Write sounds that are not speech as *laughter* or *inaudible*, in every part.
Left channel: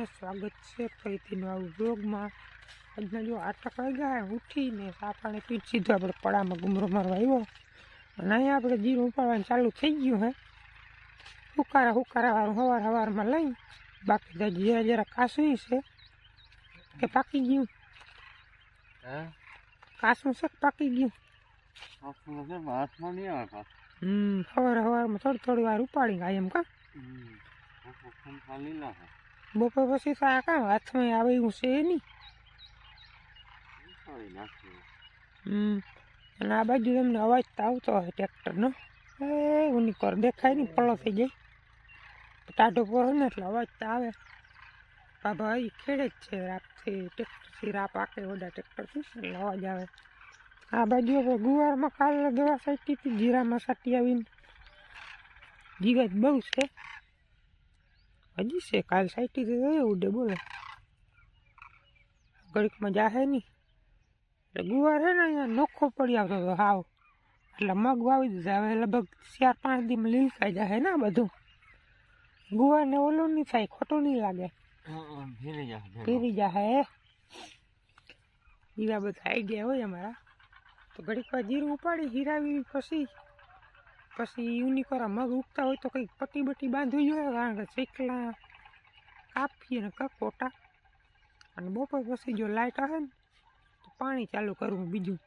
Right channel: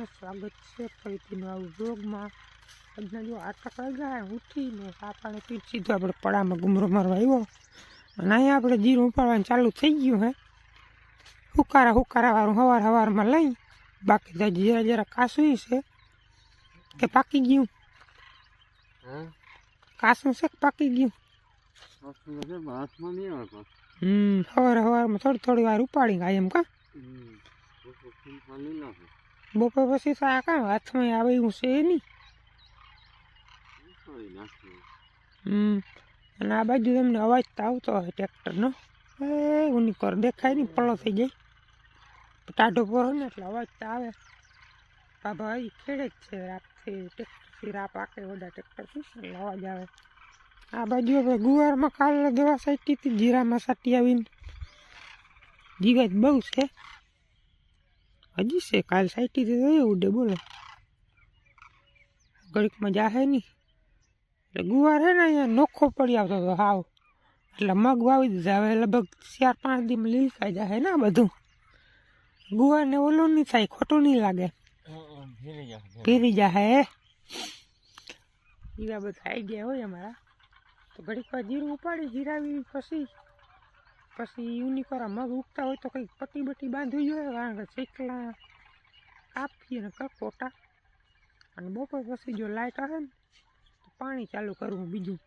બધા બધા સ્વાગત છે ફરીથી નવા ઉદ્યોગમાં આજના જો આટક વાગ્યા ઉઠીને આ પાણી પી સીધો આપણે પડામાં ગુમરો મારવા આવ્યો અને અહીંયા આપણે જીરું ઉપાડવાનું ચાલુ થઈ ગયું હે હુકારા હુકારા વાળું હવાર હવારમાં લઈ બાકી તો જરા જરા કાસું છે કે પાકી ગયું હા કાસું છે કે પાકી ગયું હાથમાં નહીં આવે હમ સવાર હવારમાં થોડી થોડી વાર ઉપાડી ગયા એમ કા લીલા છે. બપોર પછી તો આ કામ હાથમાં આવે એવું છે નહીં? અને આ બાજુ તમને અવાજ તો આવતો હોય ટ્રેક્ટરનો. એ ઉની કર દેખાય નહીં પળો થઈ જાય. ટાઢો પરો ને એટલે અવાજ તો આવે. આ ભાઈ ખેડે જ છે, રાતથી ટ્રેક્ટરથી રાપ આકે વડા ટ્રેક્ટરથી એટલે અવાજ આવે. આ બાજુ હવે ગુવારમાં કાલે દવા સાઈટી હતી જીરામાં સાટી આવીને. જીવાત બહુ છે. હજી છે, કાલ સાઈટી તો ડે બોલે. ઘડીકમાં જાહે નહીં એટલે ગુવાર હે ને અહીંયા નોખો પડી આવતો હતો, હાવ. એટલે મગ વાવી દીધા, હવે લગભગ ચાર પાંચ દીમાં લીલકાઈ જાય ને બધું. ગુવાર ને ઓલું નહીં થાય, ખોટું નહીં લાગે. ફીરી જાહે. એવા બધા આઈડિયા હોય અમારા. તો ઘડીક વાર જીરું ઉપાડી, હીરાવી પછી પછી યુનિકોરા મગ ઉગતા હોય તો કંઈક પટ્ટી બટ્ટી બાંધવી જોઈએ, કારણ કે ચીકલા કાપીએ ને કકોટા. અને બપોર પછી જો લાઇટ આવે ને, તો પાણી ચાલુ કરવું બીજું.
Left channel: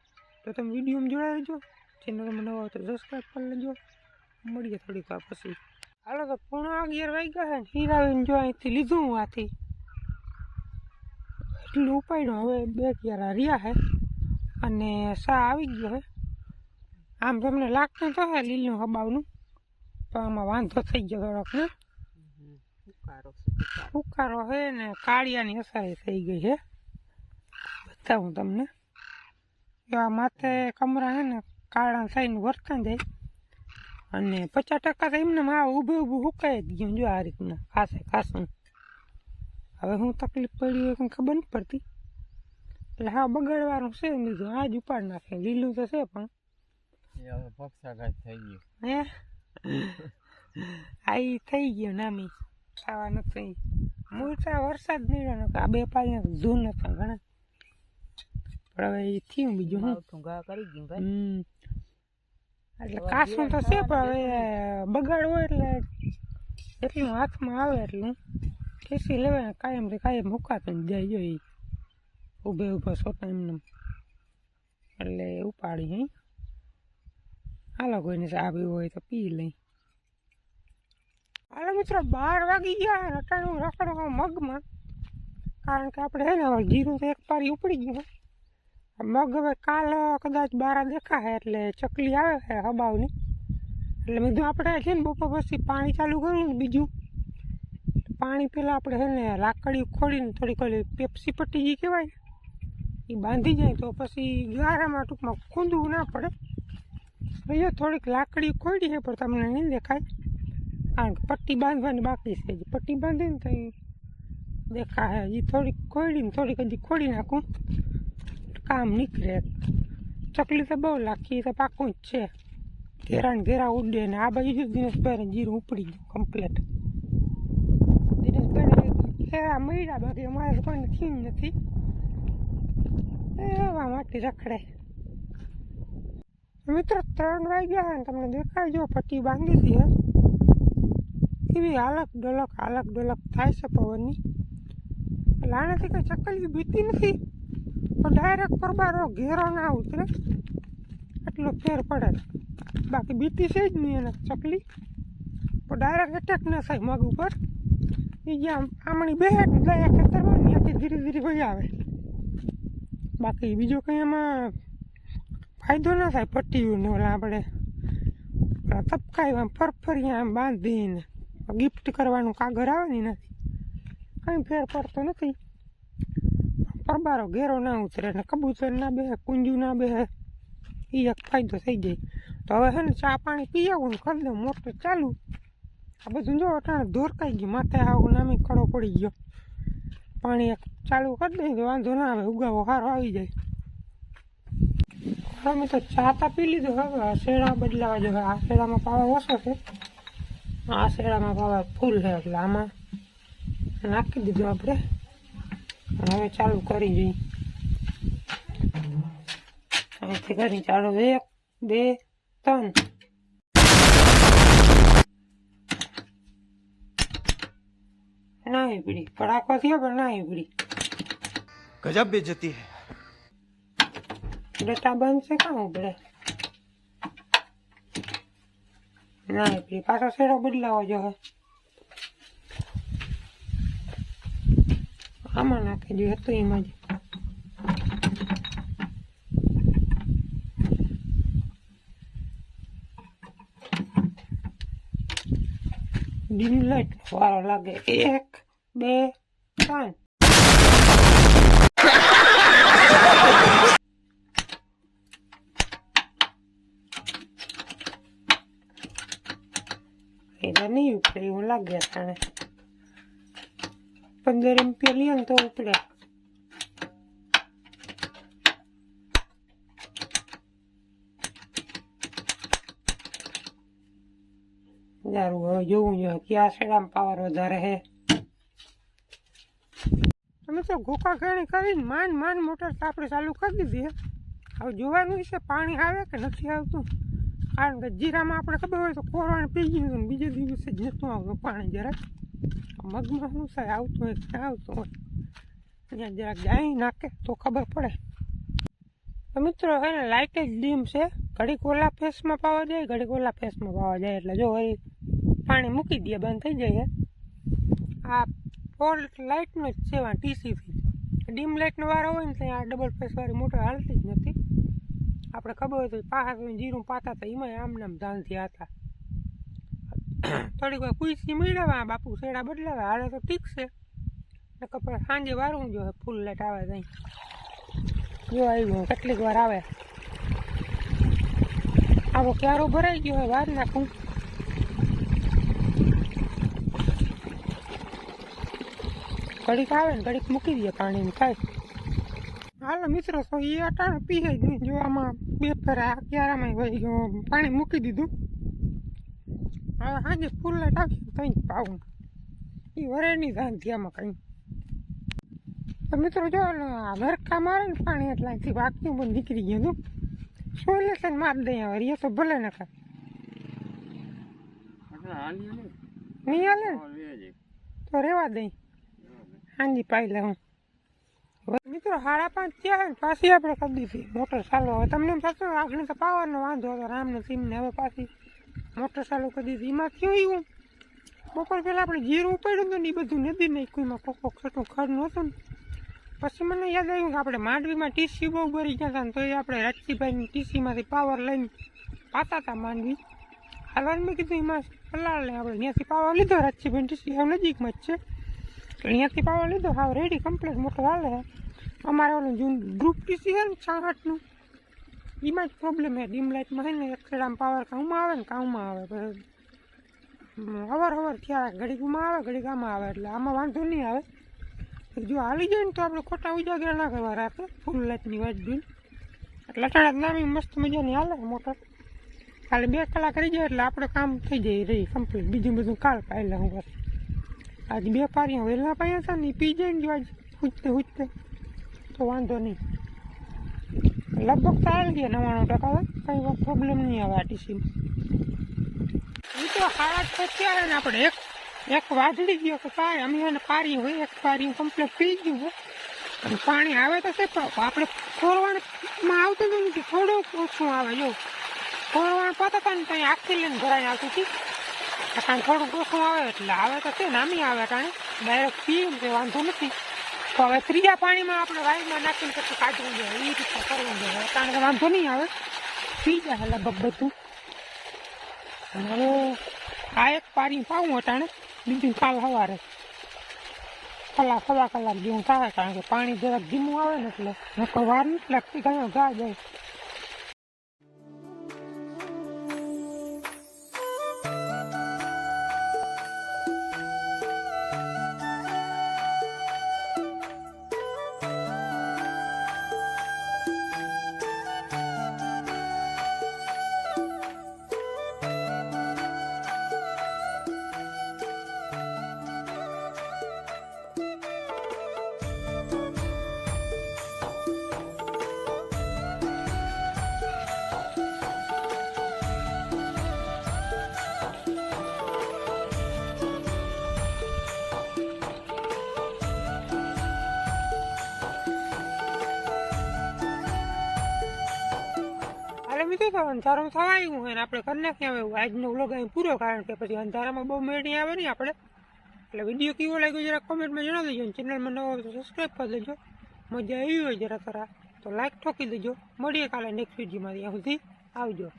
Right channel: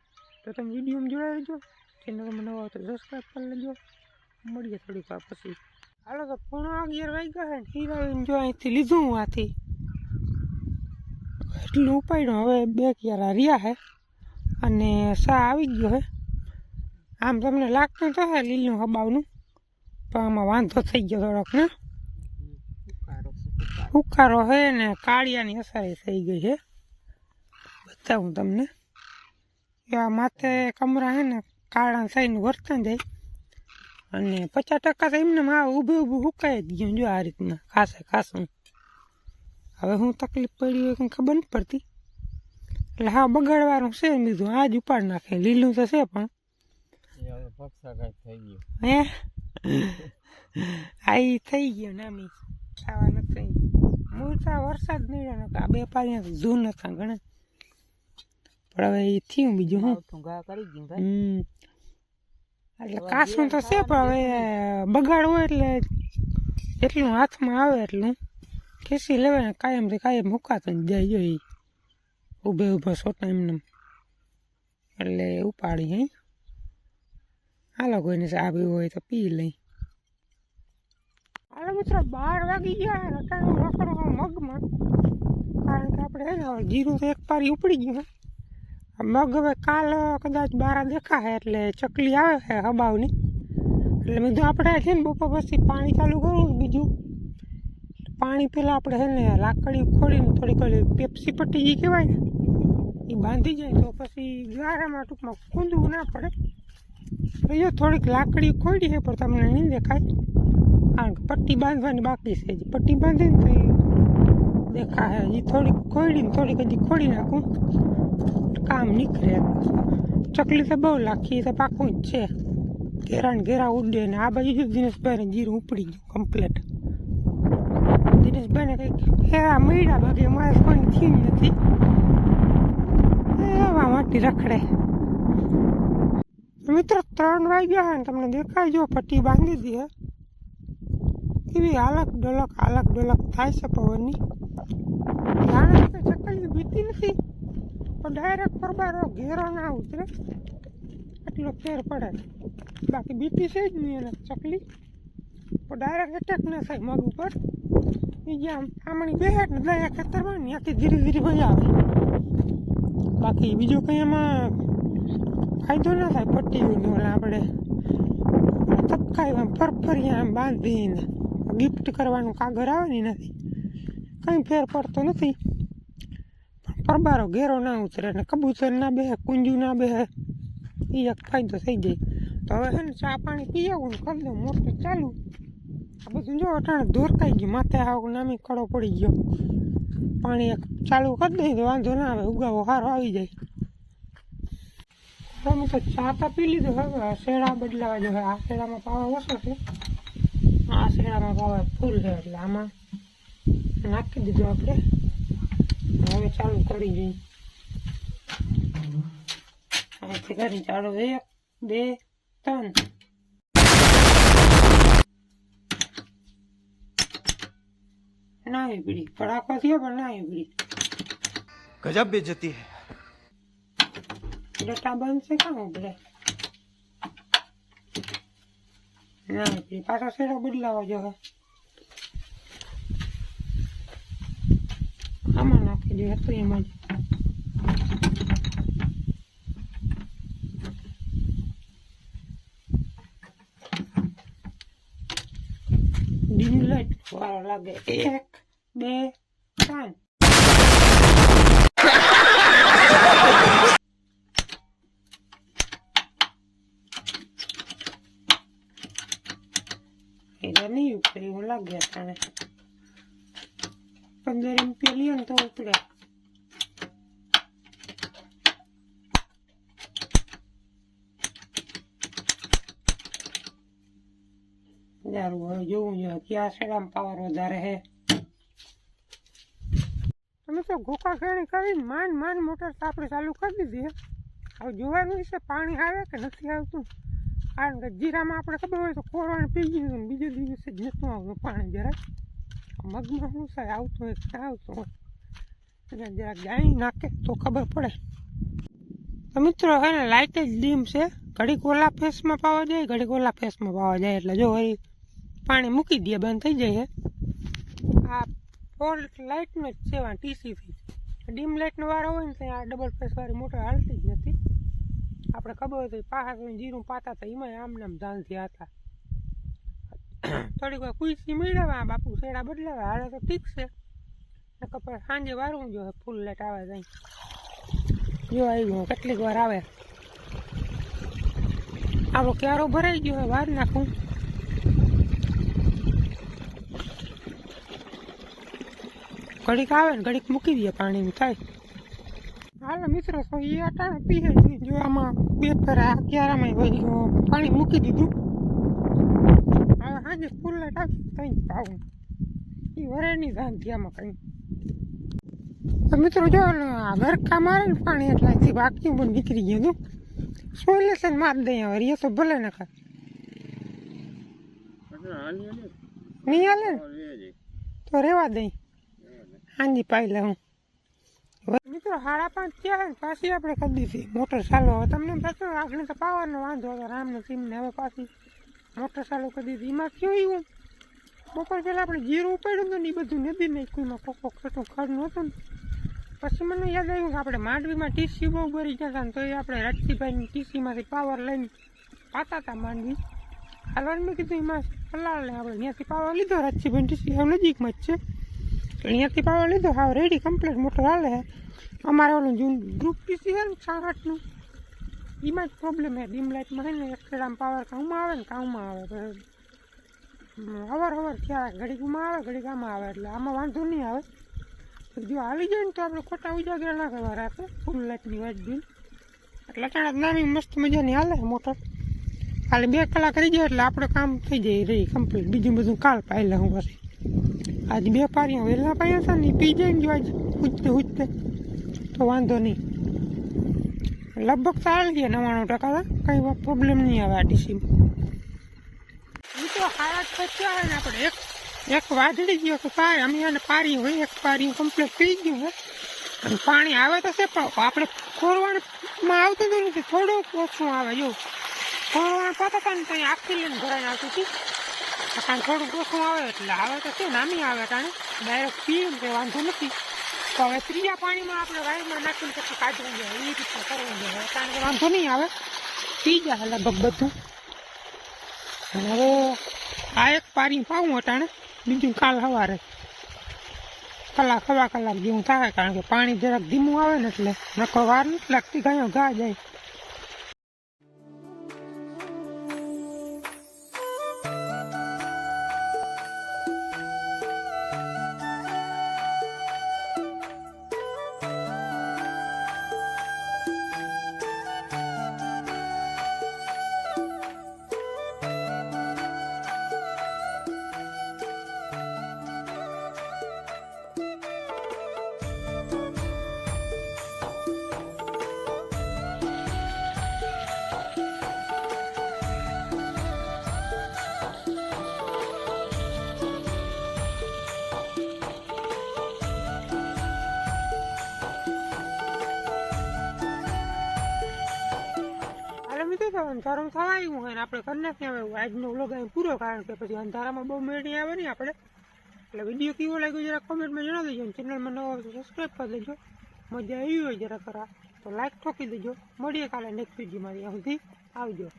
તો તમે વિડીયોમાં જોડાઈ રહેજો. ચેનલમાં નવા તો સબસ્ક્રાઈબ કરી લેજો. મળીએ થોડીક વાર પછી. હાલો તો પૂણા અગિયાર વાગ્યા છે ને હીરાવીને જો અહીંથી લીધું હું આથી. એટલું ઉપાડ્યું, હવે બે ક્યારા રહ્યા છે. અને સા આવી ગયો છે. આમ તમને લાગતું તો લીલું હબાવનું પણ આમાં વાંધો થઈ ગયો થોડોક ને ઉકારો છે ને કાળિયાની અસર થઈ ગઈ છે બતાવું તમને. એવા માથે કમરા છે ને કાળા થઈને વર્તન જાય. અને પચાસ ટકા તો એમને આ ઊભું ઊભું હુકાઈ જ ગયું જો આ રીતના ખાસે ખાસું. હવે હું તકલીફ પડી હોય કંઈ ખબર નથી પડતી. એટલે હા બગાડવાનું છે ને બીજું આ જ ઉપાડ નાખે લીલું તો છે પણ એ હવે પક્ષાઘાત થઈ ગયો. હે? આ થઈ ગયો નામી ખાવા નથી મૂળતા વરસાદ નકર આ બે પાણી જૂન હતા ઘણા પણ હવે એ થયું બીજું હું હમ. એટલે કાસું તો છે પણ હવે બગાડવું એટલે એટલું હાથમાં આવે એટલું. ખેસી લેવાય કાયમથી કાયમ મુકાતો જાય જો ઈ. ઊભે ઊભા સોટા એમને એટલે ઉપાડી હે. હાલો કોઈને ચા પીવું હોય તો પી લઈ. હાલો મિત્રો, બાર વાગી ગયા રટાણું રખડવા મગમાં. કારણ કે આપણે હે ને હવે જીરું તો એક પારી ઉપડી ગયું. મગ હવે કાલ કદાચ બારા દેખાશે એટલે ચકલી આવે છે હબાવની. એટલે બધું આપણે છે ને બપોર પછી પાણી ચાલુ કરવું બીજું. પાણી પહેલાં આપણે છે ને લાકડી ખોલીને થોડીક પેપ્સી પટ્ટી જે કહેવાય ને, એ બાંધી જાય તો પછી ગારામાં ટૂંકમાં ખૂંદવું ના પડે. એ થોડીક લાકડી ખોડી છે, પણ તમને નહીં દેખાય. કારણ કે પટ્ટી બાંધવાની બાકી છે પટ્ટી બાંધીને તો દેખાય. એ થોડીક ખોડીને થોડીક હજી ખોડી નાખું. કામ નીકળે. ચકલી તો બહુ લાખી તો પાકું જ છે. ઘેરા ને ઘેરા ઉડે ને આ બાજુ દિનેશભાઈને જીરું ઉપડી ગયું કમ્પ્લેટ દિનેશભાઈને હેરા મળ્યા બાકી અમારે કોઈ થયું નથી. એવા માટી રખડે. મિત્રો ત્રણ વાગ્યા હે ને તમને દેખાય જો પટ્ટી બાંધી દે એવી હાલક ડલક હાલક ડલક થાય છે પવનની. જાણે કંઈ ચકલી બીતી નથી. તો ડાયરેક્ટ પરબારો ઘેરો ના ઉતરે. એટલો ફેર પડે. બાકી બીતી છે જ નહીં એને ચકલી. તો ડાયરેક્ટ એટેક ના થાય મગ ઉપર. એ જ્યાં આમણી બે ને દયા ખેતરમાં ત્યાંથી ધીરે ધીરે ભાઈ આવે. બાકી બીજું કંઈ એમાં ફાયદો ના થાય પટ્ટીઓને ઓલા આપણે તપકાઈ આમ ફરફરિયા આમ બાંધીને ગિફ્ટ કરવાનું કાગળ આવે ને નથી કંઈ ફેર પડતો નથી. પરબારો ઘેરો ના ઉતરે ને કબૂતર ના બેહે કુંજુ ના બેહે એ એક ફાયદો થઈ જાય. તો હવે છે ચા પાણી પી આવું ને કરી દઉં મોટર ચાલુ. આ બધું જો અટાણે દોરકાઈ ગયું, માથે આવું નામી કડો પડી ગયો. પાણી એક ચાલુ કરી દઈએ તો વાંધો ના આવે, ઉગાવો સારો આવી જાય. અમે તો ચા તા પી લીધું હવે શેરા બદલાવા જો આ શેરામાં પાવા ઓછો છે આ શેરામાં પાવા ફૂલ છે એટલે આમાં નાખી દીધું આપણે હવે ચાલુ કરી જોઈએ અહીંથી કરી ચાલુ એક બે ત્રણ નાહી પડી પડાકો થયો પણ નાહી પડી ગજબ બેજતી હે ડેટા બંધ છે કામ આપણે ના પીડી પાછો શેડો બદલાવો જો હે આમાં નાખી દઈએ હતું એમાં જ ડીમ લાઈટ વારો લાગે એક બે ત્રણ એટલે નહીં ઉપડે એવું લાગે તને પંદર એમ્પિયર લઈએ ને તો ઉપડે સારું હવે જોવું જોઈએ ક્યાં સેડામાં પાવર વધારે હે અમે તો ગોકા ખેણી કરીને માન માન મોટર આપણે ચાલુ કરી દીધી હવે જોવાનું છે પાણી આવે કે નથી આવતું કારણ કે જીરામાં આપણે ખબર હોય તો કોરવાને પી ગયું ને બીજે દિવસે જ નહોતું આવતું પાણી જરાક મગમાં શું થાય? આવતું હોય કે આવતું હોય? ત્યાં જરાક ગાઈ નાખે તો ખબર પડે. તો મિત્રો, હે ને લાઇટ જ ડીમ છે. ઘડીક ઓલા ફેસમાં પાવા જાય, ઘડીક ઓલા ફેસમાં પાવા જાય. એટલે જો વળી પાણી મૂકી દે, બંધ થઈ જાય આ ફોર લાઇટનો જ છે ટીસીથી ડીમ લાઇટનો વારો હોય ને ત્યાં ડબલ ફેસવાળી મોટર હાલતી જ નથી. આપણે ખબર હોય તો પાછા જીરું પાતા હતા એમાં આમ નામ ધાનથી હતા. *coughs* થોડીક વાર કુઈસી મેળવવા બાપુ શેડા બદલાવે હાલે તો ઠીક છે. નકર સાંજે વારવું જો ફૂલ લેટ આવે ત્યાં જો આવી ગયું કેટલીક વાર આવે. આવો ક્યારો ભરાઈ ગયો હોય વાર નાખું. ઘડીક આવે ને ઘડીક મૂકી દે પાણી થાય. હાલો મિત્રો એ અટાણે પીએ જો આમાં બે ફેરા ક્યારામાં પાણી મૂકી દીધું. હવે સાંજે ફૂલ લાઈટ ત્યાં કંઈ પાવું. એ વરે નહીં ધાનથી આમાં કંઈ. તો મિત્રો જો ગરકા મારે ને પાણી એટલાથી બાકી પણ નીકળી ગયું હતું. સોલેશન મારી દઈએ હવે એ તો ભલે ના ખાય. નહીં હાલે તો રહેવા દઈ હાંજી પાઈ લે હું હવે મિત્રો, સાડા પાંચ ત્યાં પાછી આપણે કરી દીધી. મોટર ચાલુ હવે તમને થતું આગળ તો પાવરનો વાંધો હતો રામને સીમને હવે પાછી મોટર ચાલુ કરી દીધી. એમાં થયું એવું, બપોર પહેલાં આપણે જીરું ઉપાડ્યું હતું ને એ બધું નદી નાખ્યું, એમાં કોક કોક છોટું ખડ નહોતું પછી મને યાદ આવ્યું કે આપણે માંડવીમાં ટીસી બહુ ભરી ગયા હતા ને તો એ આપણે રાજકીભાઈની ટીસીમાંથી પાવર લઈને પાતા હતા માંડવી. હાલવાનું મેં કીધું એમાં પલાળ આપણે ત્યાંથી પાવર લીધો. રાજકીભાઈ ટીસી નજીકમાં જ છે. અહીંયાથી પાવર લીધો. હાવ રેડી કમ્પ્લીટ મોટો હાલે. અમારે ઓલું જૂન ગ્રુપ પીસી છે ને છાસઠનું એમાં જ પ્રોબ્લેમ છે. ડીમ લાઇટમાં છે ને એક ખેડામાં પાવર કામમાં આવે ને કામમાં આવે. પછી અવાર થયા ઘડીકમાં આવે, ઘડીક આમાં આવે. એટલે આમાં વાંધો નહીં આવે. જો હાલી જાય ને તો આપણે ખોટા ઉજાગરા ના કરવા રાખે. ફૂલ લાઇટની વાત જોઈ. એટલે અટાણા નાની મસ્ત મજાની હાલે મોટર ખાલી બે કલાક રહી જાય એટલે આપણે કામ થઈ જાય, રહી કમ્પ્લીટ બીજું બધું કાલ પાયલા હું પછી. આજ બે પારીઓ વહેલા પાયા હતા ને પી જાય ને જો આજ ઉજતે ઉજતે તો વાંધો નહીં. લગભગ તો આવી ગયા નવ્વાણું ટકા કંઈ પ્રોબ્લેમ નહીં આવે આ ટીસીમાં એ તો હાથ તો થયા ને આપણે એક એક વાદળી ગયો કે સારી અમે એને પારી હોય, એક પારી કમ્પ્લીટ પી ગયું હોય અને પાણી આવે તો છે, પણ આપણે ખોરવાણમાં આવતું જ નથી. થોડુંક ઓછું આવે, જો. ખોરવાણ પાતા ને ત્યાં આખી લઈને ભરાઈ આવતી હતી. કારણ થોડુંક ઓછું આવે એટલે આવે તો છે નામી આવે કારણ ડાયરેક્ટ પીએ કે વાંધો નથી. તો હવે ત્રીજા પાણીમાં આપણે વાયરમાં નાખીને પછી કાઢવું જોઈએ. એ રીતે કરવું જોઈએ. કારણ કે વાંધો નહીં આવે. પી જાય લગભગ બધું. અને હવે આ એક પાણી પાવું અટાણે બીજું કાલ સવારે. કલાક, સવા કલાક જેવું થાય કારણ કે પાણી જરાક ધીમું આવે ને એટલે નકો વાર નથી લાગતી. ગાયો ગા જાય. અંધારું થવા આવ્યું હોય ને આપણે કરી નાખીએ હવે આજનો વ્લોગ અહીં પૂરો કારણ કે પછી અંધારામાં બહુ મેળી આવે નહીં આપણે. એટલે વીડિયો કેવો લાગ્યો જરા કોમેન્ટમાં જણાવી દેજો અને ચેનલમાં નવો હોય તો સબસ્ક્રાઈબ કરી દેજો. મજા આવી હોય જરા ખરા. તો લાઈક ઠોકી દેજો. મળીએ કાલે નેક્સ્ટ વિડીયોમાં ત્યાં સુધી. આવજો.